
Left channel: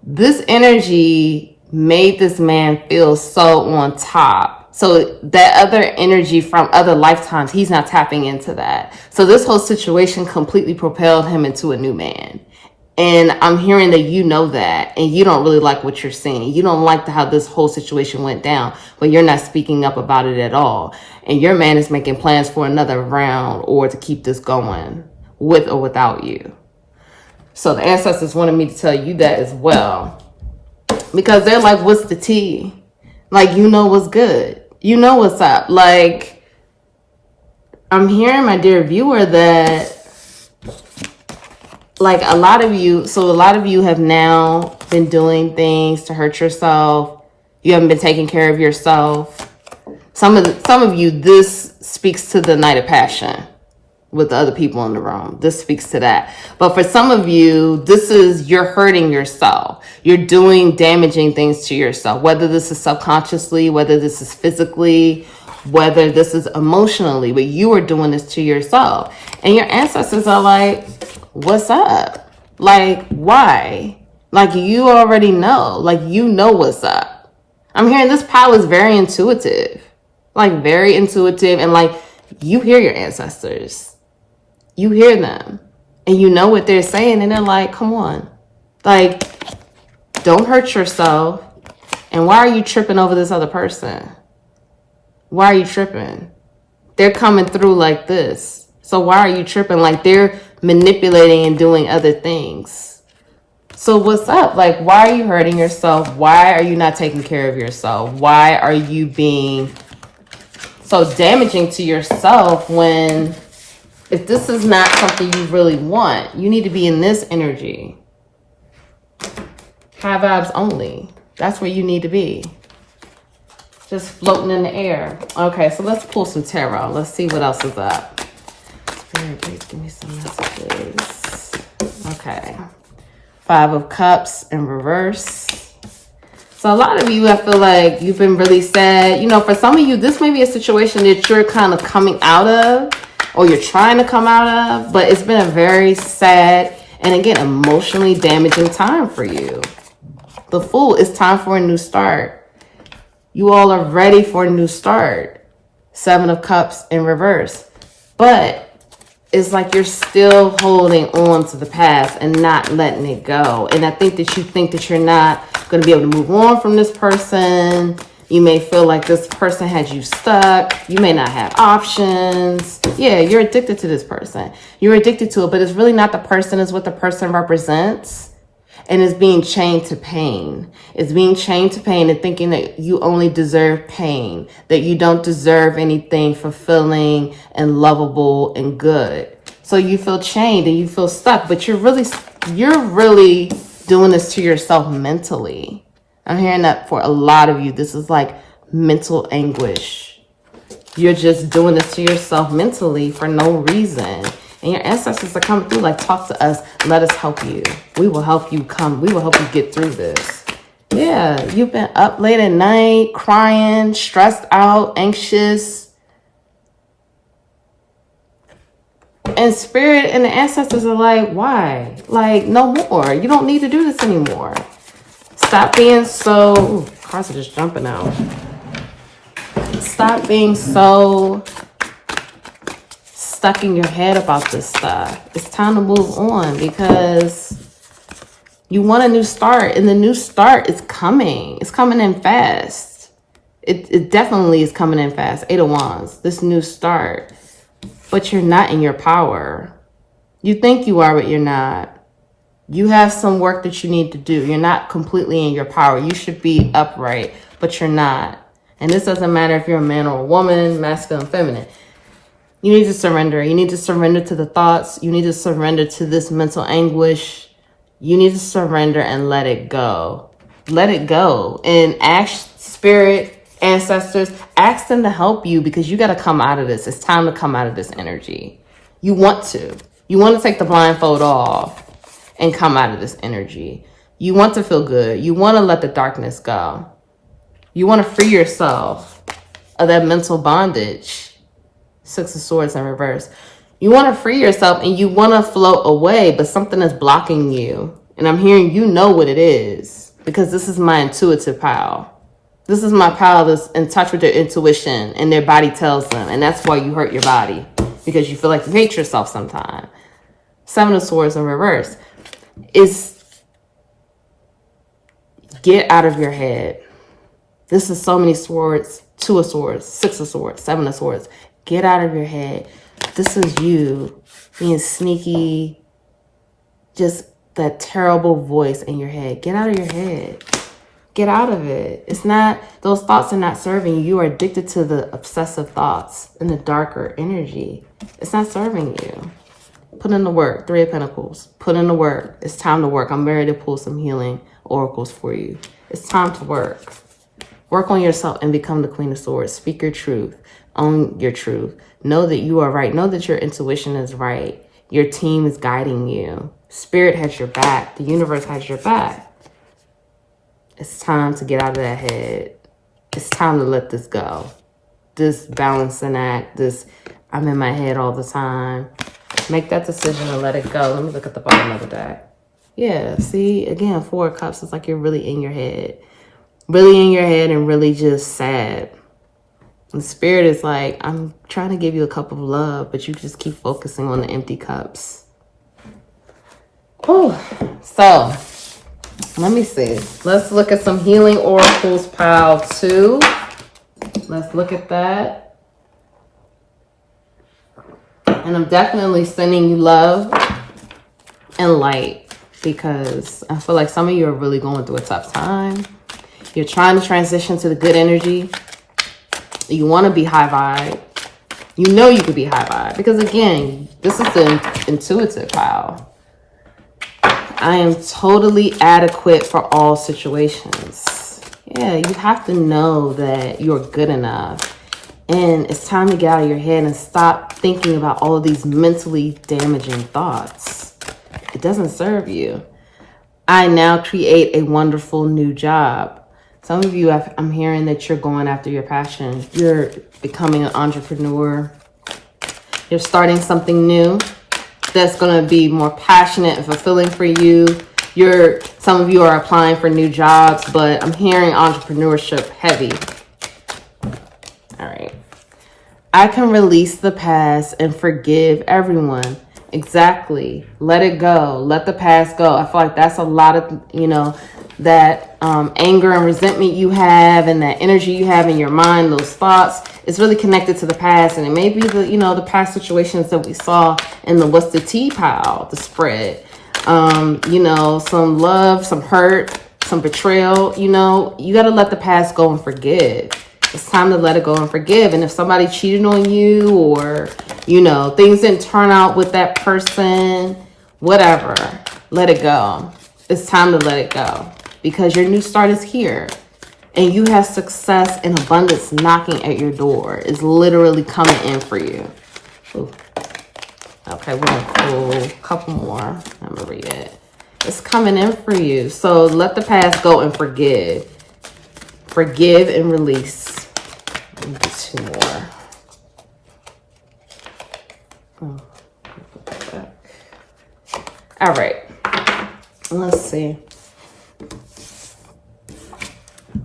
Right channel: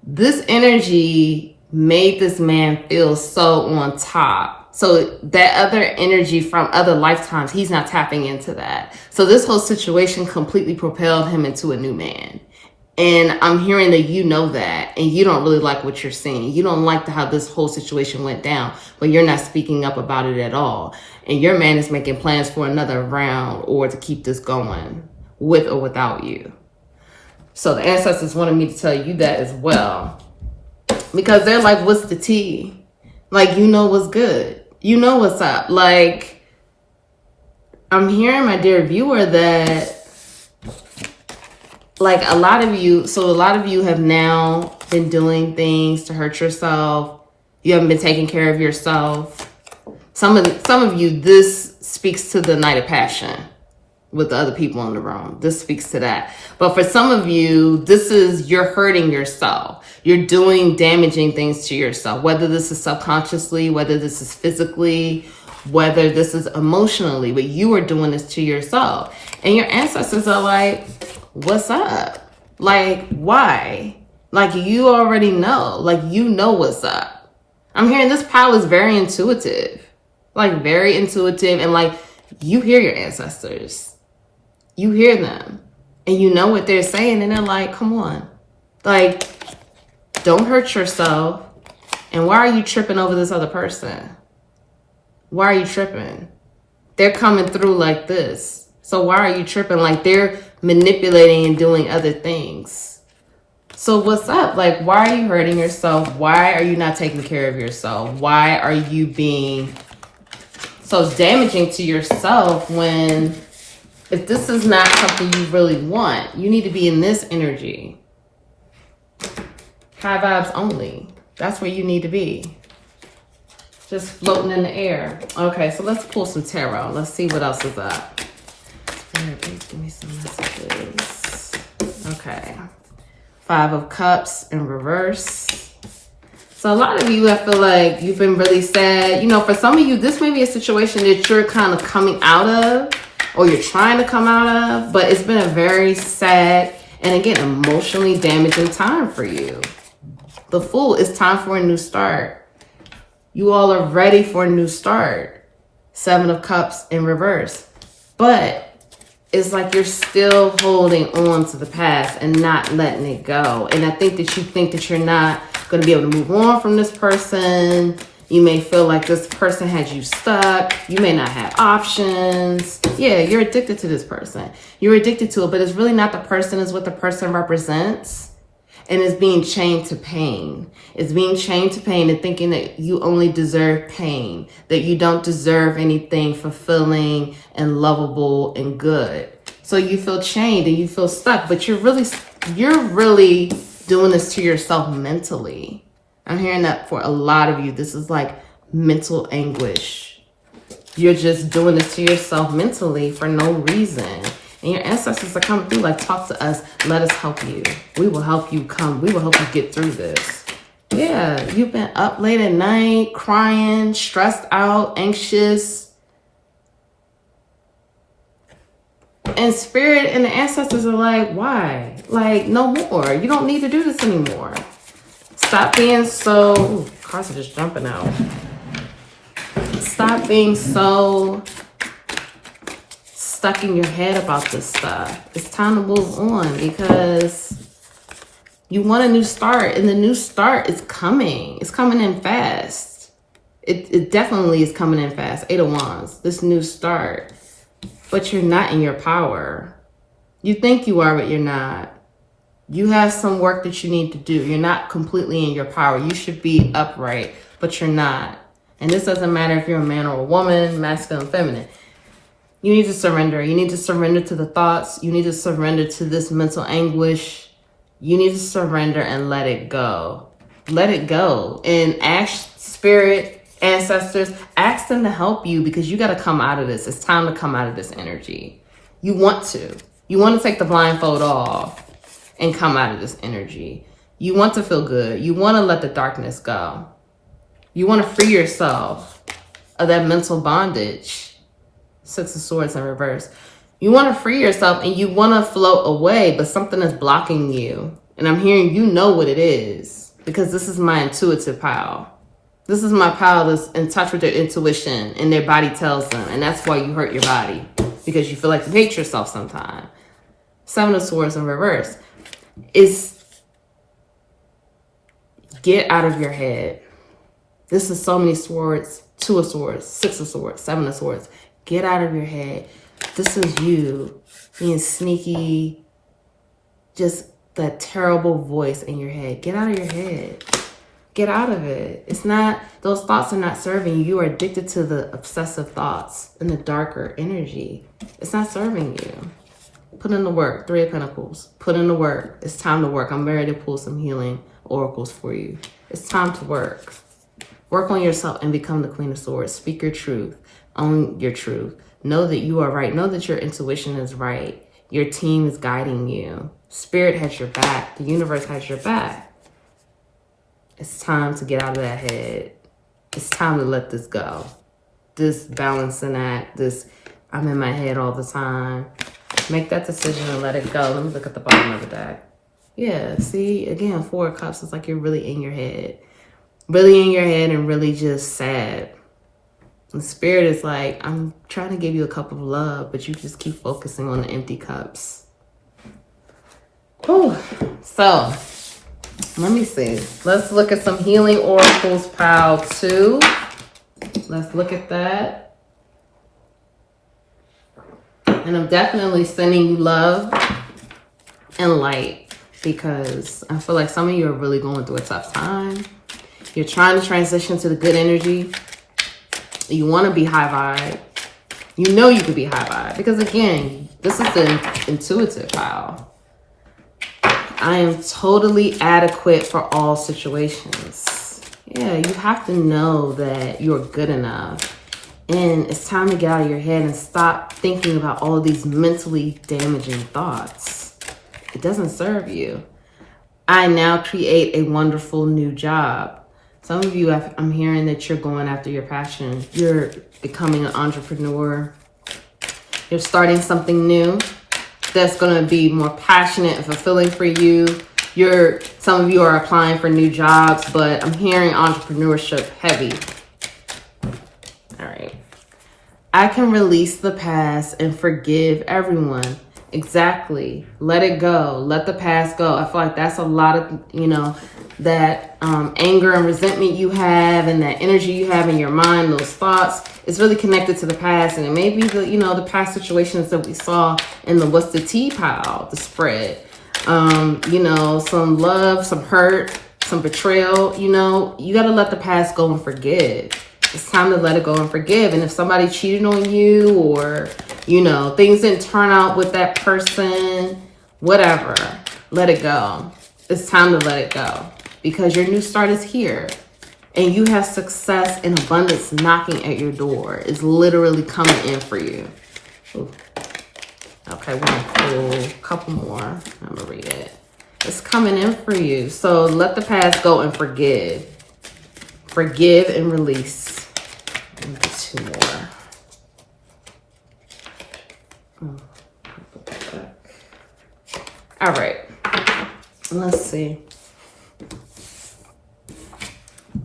This energy made this man feel so on top. So that other energy from other lifetimes, he's not tapping into that. So this whole situation completely propelled him into a new man. And I'm hearing that you know that, and you don't really like what you're seeing. You don't like how this whole situation went down, but you're not speaking up about it at all. And your man is making plans for another round or to keep this going with or without you. So the ancestors wanted me to tell you that as well. Because they're like, what's the tea? Like, you know what's good. You know what's up. Like, I'm hearing, my dear viewer, that like a lot of you have now been doing things to hurt yourself. You haven't been taking care of yourself. Some of you, this speaks to the night of passion with the other people in the room. This speaks to that. But for some of you, this is, you're hurting yourself. You're doing damaging things to yourself, whether this is subconsciously, whether this is physically, whether this is emotionally, but you are doing this to yourself. And your ancestors are like, what's up? Like, why? Like, you already know. Like, you know what's up. I'm hearing this pile is very intuitive. Like, very intuitive. And like, you hear your ancestors. You hear them. And you know what they're saying. And they're like, come on. Like, don't hurt yourself. And why are you tripping over this other person? Why are you tripping? They're coming through like this. So why are you tripping? Like, they're manipulating and doing other things. So what's up? Like, why are you hurting yourself? Why are you not taking care of yourself? Why are you being so damaging to yourself when, if this is not something you really want, you need to be in this energy. High vibes only. That's where you need to be. Just floating in the air. Okay, so let's pull some tarot. Let's see what else is up. Spirit, please give me some messages. Okay. 5 of Cups in reverse. So a lot of you, I feel like you've been really sad. You know, for some of you, this may be a situation that you're kind of coming out of, or you're trying to come out of, but it's been a very sad and, again, emotionally damaging time for you. The Fool, it's time for a new start. You all are ready for a new start. 7 of Cups in reverse. But it's like you're still holding on to the past and not letting it go. And I think that you think that you're not going to be able to move on from this person. You may feel like this person has you stuck. You may not have options. Yeah, you're addicted to this person. You're addicted to it, but it's really not the person. It's what the person represents. And it's being chained to pain. It's being chained to pain and thinking that you only deserve pain, that you don't deserve anything fulfilling and lovable and good. So you feel chained and you feel stuck, but you're really doing this to yourself mentally. I'm hearing that for a lot of you. This is like mental anguish. You're just doing this to yourself mentally for no reason. And your ancestors are coming through like, talk to us. Let us help you. We will help you come. We will help you get through this. Yeah, you've been up late at night, crying, stressed out, anxious. And Spirit and the ancestors are like, why? Like, no more. You don't need to do this anymore. Stop being so... Ooh, cars are just jumping out. Stop being so... stuck in your head about this stuff. It's time to move on because you want a new start, and the new start is coming. It's coming in fast. It definitely is coming in fast. 8 of Wands, this new start. But you're not in your power. You think you are, but you're not. You have some work that you need to do. You're not completely in your power. You should be upright, but you're not. And this doesn't matter if you're a man or a woman, masculine, feminine. You need to surrender. You need to surrender to the thoughts. You need to surrender to this mental anguish. You need to surrender and let it go. Let it go. And ask Spirit, ancestors, ask them to help you because you got to come out of this. It's time to come out of this energy. You want to. You want to take the blindfold off and come out of this energy. You want to feel good. You want to let the darkness go. You want to free yourself of that mental bondage. 6 of Swords in reverse. You want to free yourself and you want to float away, but something is blocking you. And I'm hearing you know what it is because this is my intuitive pal. This is my pal that's in touch with their intuition and their body tells them. And that's why you hurt your body because you feel like you hate yourself sometimes. 7 of Swords in reverse is get out of your head. This is so many swords. 2 of Swords, 6 of Swords, 7 of Swords. Get out of your head. This is you being sneaky. Just that terrible voice in your head. Get out of your head. Get out of it. It's not, those thoughts are not serving you. You are addicted to the obsessive thoughts and the darker energy. It's not serving you. Put in the work. 3 of Pentacles. Put in the work. It's time to work. I'm ready to pull some healing oracles for you. It's time to work. Work on yourself and become the Queen of Swords. Speak your truth. Own your truth. Know that you are right. Know that your intuition is right. Your team is guiding you. Spirit has your back. The universe has your back. It's time to get out of that head. It's time to let this go. This balancing act, this I'm in my head all the time. Make that decision and let it go. Let me look at the bottom of the deck. Yeah, see, again, 4 of Cups. It's like you're really in your head. Really in your head and really just sad. And Spirit is like, I'm trying to give you a cup of love, but you just keep focusing on the empty cups. Whew. So, let me see. Let's look at some healing oracles, pile 2. Let's look at that. And I'm definitely sending you love and light. because I feel like some of you are really going through a tough time. You're trying to transition to the good energy. You want to be high vibe. You know you could be high vibe because, again, this is the intuitive pile. I am totally adequate for all situations. Yeah, you have to know that you're good enough. And it's time to get out of your head and stop thinking about all these mentally damaging thoughts. It doesn't serve you. I now create a wonderful new job. Some of you, I'm hearing that you're going after your passion. You're becoming an entrepreneur. You're starting something new that's going to be more passionate and fulfilling for you. Some of you are applying for new jobs, but I'm hearing entrepreneurship heavy. All right. I can release the past and forgive everyone. Exactly. Let it go. Let the past go. I feel like that's a lot of, that anger and resentment you have and that energy you have in your mind, those thoughts, is really connected to the past. And it may be the past situations that we saw in the what's the tea pile, the spread. Some love, some hurt, some betrayal, you got to let the past go and forgive. It's time to let it go and forgive. And if somebody cheated on you or, things didn't turn out with that person, whatever, let it go. It's time to let it go because your new start is here and you have success and abundance knocking at your door. It's literally coming in for you. Ooh. Okay, we're going to pull a couple more. I'm going to read it. It's coming in for you. So let the past go and forgive. Forgive and release. Two more. All right. Let's see.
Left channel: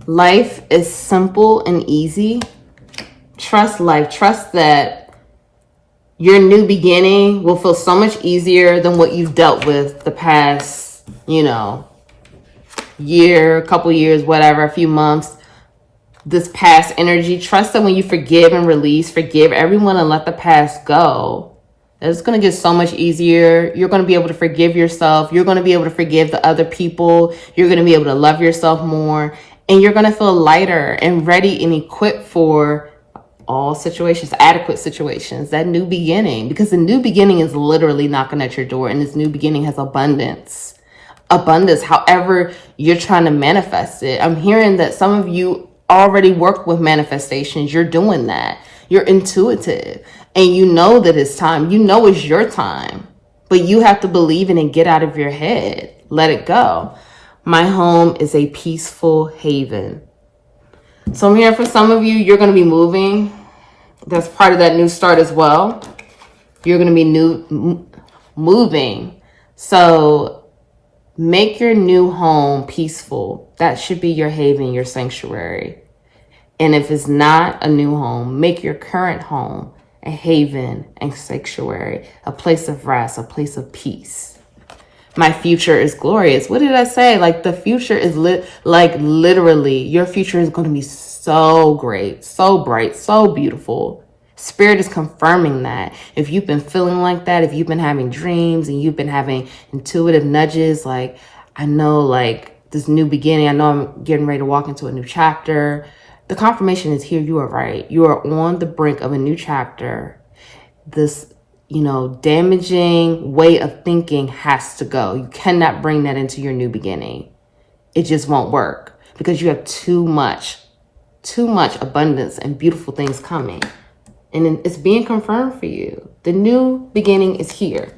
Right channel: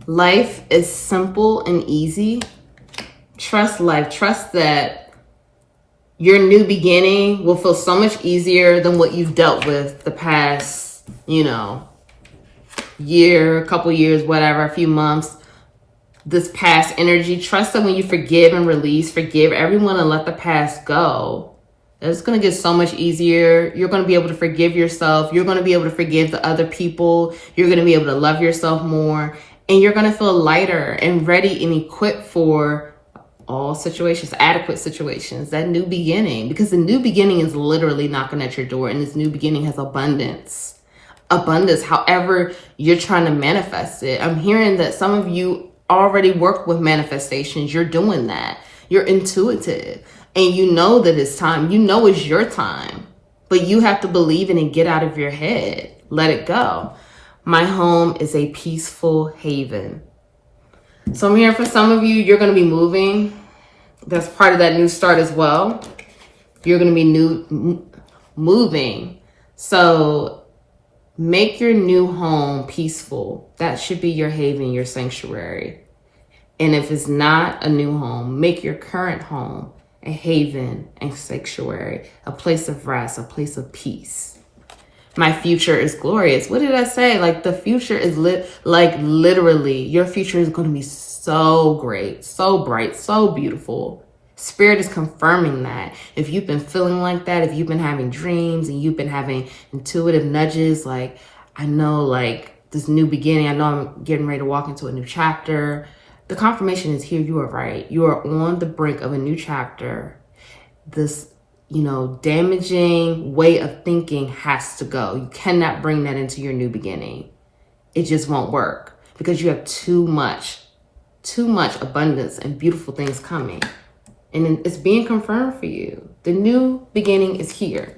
Life is simple and easy. Trust life. Trust that your new beginning will feel so much easier than what you've dealt with the past, year, couple years, whatever, a few months. This past energy. Trust that when you forgive and release, forgive everyone and let the past go, it's going to get so much easier. You're going to be able to forgive yourself. You're going to be able to forgive the other people. You're going to be able to love yourself more. And you're going to feel lighter and ready and equipped for all situations, adequate situations, that new beginning. Because the new beginning is literally knocking at your door. And this new beginning has abundance. Abundance, however you're trying to manifest it. I'm hearing that some of you already work with manifestations. You're doing that. You're intuitive. And you know that it's time. You know it's your time. But you have to believe in it and get out of your head. Let it go. My home is a peaceful haven. So I'm here for some of you. You're going to be moving. That's part of that new start as well. You're going to be moving. So make your new home peaceful. That should be your haven, your sanctuary. And if it's not a new home, make your current home a haven and sanctuary, a place of rest, a place of peace. My future is glorious. What did I say? Like the future is literally, your future is going to be so great, so bright, so beautiful. Spirit is confirming that. If you've been feeling like that, if you've been having dreams and you've been having intuitive nudges, like I know like this new beginning, I know I'm getting ready to walk into a new chapter. The confirmation is here. You are right. You are on the brink of a new chapter. This, damaging way of thinking has to go. You cannot bring that into your new beginning. It just won't work because you have too much abundance and beautiful things coming. And it's being confirmed for you. The new beginning is here.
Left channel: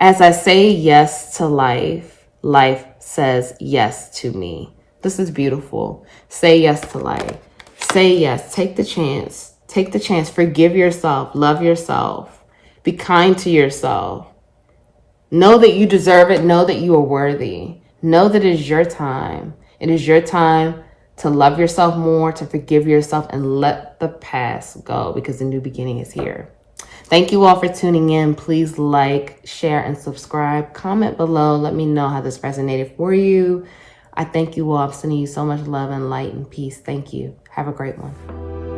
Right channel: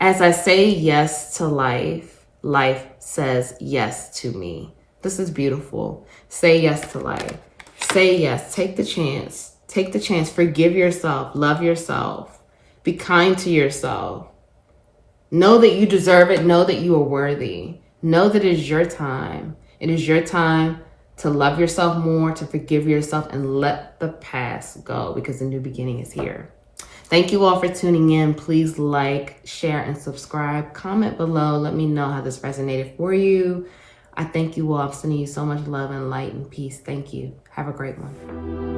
As I say yes to life, life says yes to me. This is beautiful. Say yes to life. Say yes. Take the chance. Take the chance. Forgive yourself. Love yourself. Be kind to yourself. Know that you deserve it. Know that you are worthy. Know that it is your time. It is your time to love yourself more, to forgive yourself, and let the past go because the new beginning is here. Thank you all for tuning in. Please like, share, and subscribe. Comment below. Let me know how this resonated for you. I thank you all. I'm sending you so much love and light and peace. Thank you. Have a great one.